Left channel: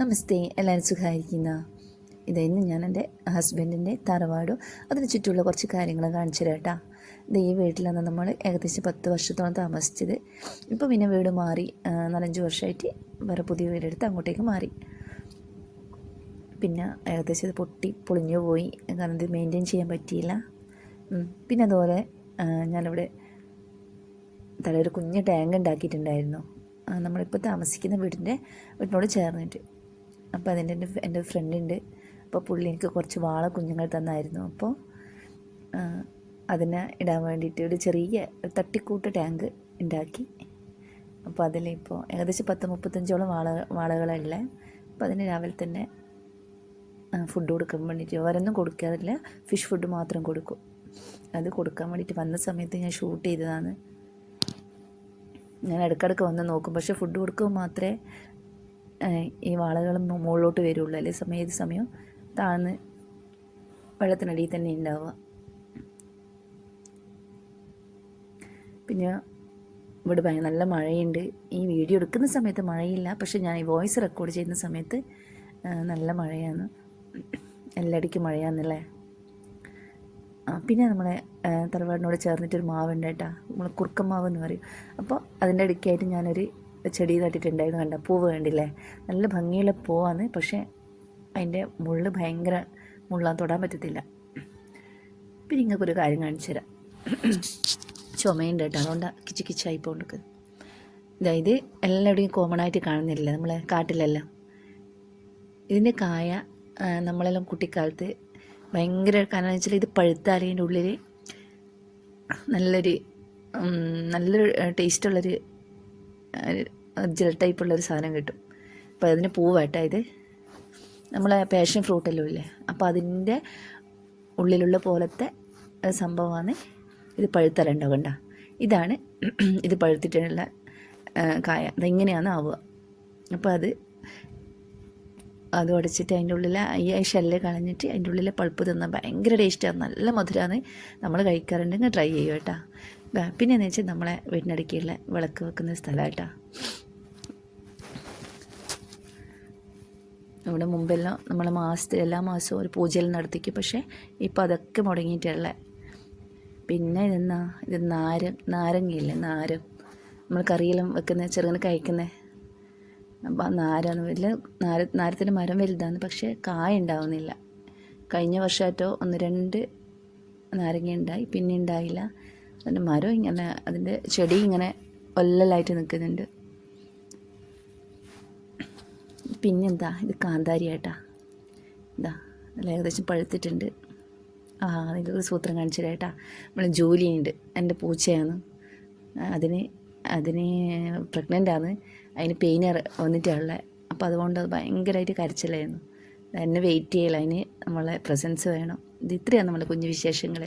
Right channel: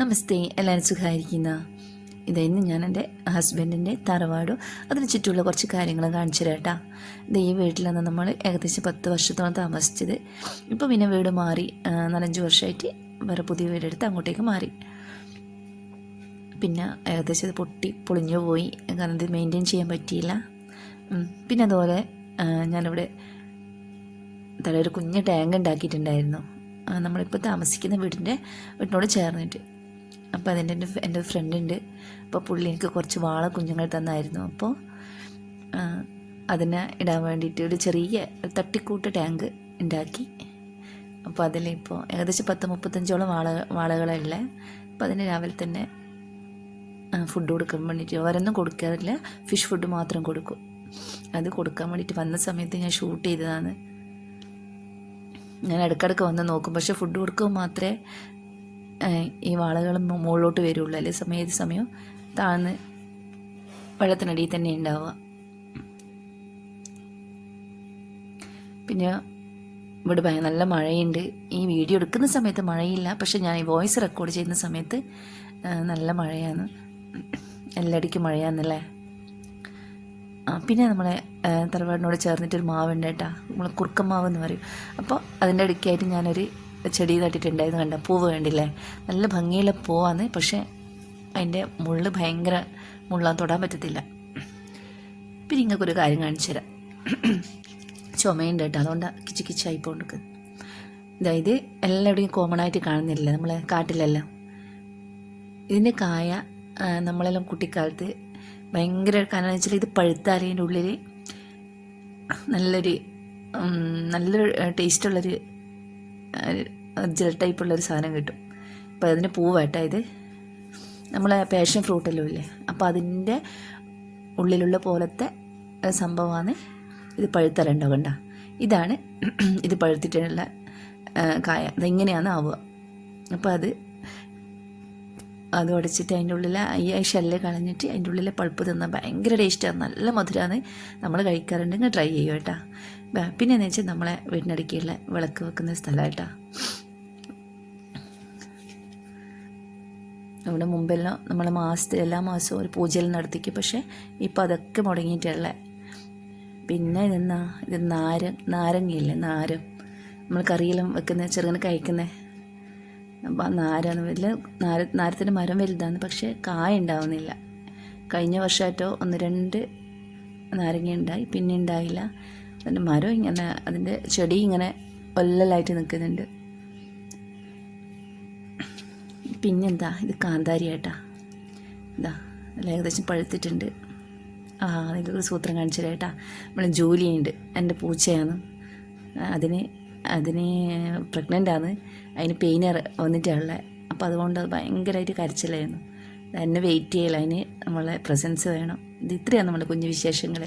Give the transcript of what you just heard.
നമസ്തേ എല്ലാവരും സുഖമായിരിക്കുന്ന. ഇതായിരുന്നു ഞാൻ എന്റെ ഹസ്ബൻഡിന്റെ തറവാടും അതിന് ചുറ്റുമുള്ള കുറച്ച് കാര്യങ്ങൾ കാണിച്ചു കേട്ടോ. ഇത് ഈ വീട്ടിലാണ് നമ്മൾ ഏകദേശം പത്ത് വർഷത്തോളം താമസിച്ചത്. ഇപ്പോൾ പിന്നെ വീട് മാറി നാലഞ്ച് വർഷമായിട്ട് വേറെ പുതിയ വീടെടുത്ത് അങ്ങോട്ടേക്ക് മാറി. പിന്നെ ഏകദേശം ഇത് പൊട്ടി പൊളിഞ്ഞു പോയി. കാരണം ഇത് മെയിന്റെയിൻ ചെയ്യാൻ പറ്റിയില്ല. പിന്നെ അതുപോലെ ഞാനിവിടെ തലൊരു കുഞ്ഞ് ടാങ്ക് ഉണ്ടാക്കിയിട്ടുണ്ടായിരുന്നു. നമ്മളിപ്പോൾ താമസിക്കുന്ന വീടിന്റെ വീടിനോട് ചേർന്നിട്ട്. അപ്പോൾ അതിന്റെ എന്റെ എന്റെ ഫ്രണ്ടുണ്ട് അപ്പോൾ പുള്ളി എനിക്ക് കുറച്ച് വാള കുഞ്ഞുങ്ങൾ തന്നായിരുന്നു. അപ്പോൾ അതിനെ ഇടാൻ വേണ്ടിയിട്ട് ഒരു ചെറിയ തട്ടിക്കൂട്ട ടാങ്ക് ഉണ്ടാക്കി അപ്പോൾ അതിലിപ്പോൾ ഏകദേശം പത്ത് മുപ്പത്തഞ്ചോളം വാള വാളകളുള്ള അപ്പോൾ അതിന് രാവിലെ തന്നെ ഫുഡ് കൊടുക്കാൻ വേണ്ടിയിട്ട് വേറൊന്നും കൊടുക്കാറില്ല. ഫിഷ് ഫുഡ് മാത്രം കൊടുക്കും. അത് കൊടുക്കാൻ വേണ്ടിയിട്ട് വന്ന സമയത്ത് ഞാൻ ഷൂട്ട് ചെയ്തതാണ്. ഞാൻ ഇടയ്ക്കിടയ്ക്ക് വന്ന് നോക്കും. പക്ഷെ ഫുഡ് കൊടുക്കുമ്പോൾ മാത്രമേ ഈ വാളകൾ മുകളിലോട്ട് വരുള്ളൂ. അല്ലെ? സമയം ഏത് സമയവും താഴ്ന്ന് വെള്ളത്തിനടിയിൽ തന്നെ ഉണ്ടാവുക. പിന്നെ ഇവിടെ ഭയ നല്ല മഴയുണ്ട്. ഈ വീഡിയോ എടുക്കുന്ന സമയത്ത് മഴയില്ല. പക്ഷെ ഞാൻ ഈ വോയിസ് റെക്കോർഡ് ചെയ്യുന്ന സമയത്ത് നല്ല മഴയാണ്. എല്ലായിടയ്ക്കും മഴയാന്നല്ലേ? ആ, പിന്നെ നമ്മളെ തലവാടിനോട് ചേർന്നിട്ടൊരു മാവുണ്ട് കേട്ടോ. നമ്മൾ കുറുക്കമാവ് എന്ന് പറയും. അപ്പോൾ അതിന്റെ ഇടയ്ക്കായിട്ട് ഞാനൊരു ചെടി നട്ടിട്ടുണ്ടായിരുന്നു കണ്ട? പൂവ് കണ്ടില്ലേ? നല്ല ഭംഗിയുള്ള പൂവാണ്. പക്ഷേ അതിന്റെ മുള്ള് ഭയങ്കര മുള്ളാൻ തൊടാൻ പറ്റത്തില്ല. പിന്നെ ഇങ്ങൾക്കൊരു കാര്യം കാണിച്ചു തരാം. ചുമയുണ്ട് കേട്ടോ. അതുകൊണ്ട് കിച്ച് കിച്ചായി പോണ്ടിക്ക് അതായത് എല്ലായിടെയും കോമൺ ആയിട്ട് കാണുന്നില്ല നമ്മൾ കാട്ടിലെല്ലാം? ഇതിന്റെ കായ നമ്മളെല്ലാം കുട്ടിക്കാലത്ത് ഭയങ്കര കാരണം വെച്ചാൽ ഇത് പഴുത്താൽ ഉള്ളിൽ നല്ലൊരു നല്ലൊരു ടേസ്റ്റുള്ളൊരു ജെൽ ടൈപ്പുള്ളൊരു സാധനം കിട്ടും. അപ്പോൾ അതിന് പൂവാട്ടാ ഇത്. നമ്മളെ പാഷൻ ഫ്രൂട്ടെല്ലാം ഇല്ലേ അപ്പോൾ അതിന്റെ ഉള്ളിലുള്ള പോലത്തെ സംഭവമാണ് ഇത് പഴുത്തലുണ്ടോ കണ്ട? ഇതാണ് ഇത് പഴുത്തിട്ടുള്ള കായ. അതെങ്ങനെയാണ് ആവുക? അപ്പോൾ അത് അത് ഉടച്ചിട്ട് അതിന്റെ ഉള്ളിലെ ഈ ഷെല്ല് കളഞ്ഞിട്ട് അതിന്റെ ഉള്ളിലെ പഴുപ്പ് തിന്നാൻ ഭയങ്കര ടേസ്റ്റാണ് നല്ല മധുരമാണ് നമ്മൾ കഴിക്കാറുണ്ടെങ്കിൽ ട്രൈ ചെയ്യും കേട്ടോ ബ- പിന്നെ എന്ന് വെച്ചാൽ നമ്മളെ വീടിനടുക്കുള്ള വിളക്ക് വെക്കുന്ന സ്ഥലമായിട്ടാണ് നമ്മുടെ മുമ്പെല്ലാം നമ്മൾ മാസത്തിൽ എല്ലാ മാസവും ഒരു പൂജയിൽ നടത്തിക്കും പക്ഷേ ഇപ്പം അതൊക്കെ മുടങ്ങിയിട്ടുള്ള പിന്നെ ഇതെന്നാ? ഇത് നാര നാരങ്ങയില്ലേ? നാരം. നമ്മൾ കറിയെല്ലാം വെക്കുന്ന ചെറുങ്ങനെ കഴിക്കുന്നേ. നാരാണ് വലിയ നാര നാരത്തിന്റെ മരം വലുതാണ് പക്ഷേ കായ ഉണ്ടാവുന്നില്ല. കഴിഞ്ഞ വർഷമായിട്ടോ ഒന്ന് രണ്ട് നാരങ്ങ ഉണ്ടായി പിന്നെ ഉണ്ടായില്ല. അതിന്റെ മരം ഇങ്ങനെ അതിന്റെ ചെടി ഇങ്ങനെ ഒല്ലലായിട്ട് നിൽക്കുന്നുണ്ട്. പിന്നെന്താ? ഇത് കാന്താരി ഏട്ടാ ഇതാ നല്ല ഏകദേശം പഴുത്തിട്ടുണ്ട്. ആ നിങ്ങൾക്ക് സൂത്രം കാണിച്ചു തരാട്ടാ നമ്മൾ ജോലിയുണ്ട് എന്റെ പൂച്ചയാണ്. അതിന് അതിന് പ്രഗ്നന്റ് ആണ് അതിന് പെയിൻ വന്നിട്ടുള്ള അപ്പോൾ അതുകൊണ്ട് അത് ഭയങ്കരമായിട്ട് കരച്ചിലായിരുന്നു. എന്നെ വെയിറ്റ് ചെയ്യല അതിന് നമ്മളെ പ്രസൻസ് വേണം. ഇത് ഇത്രയാണ് നമ്മുടെ കുഞ്ഞു വിശേഷങ്ങൾ.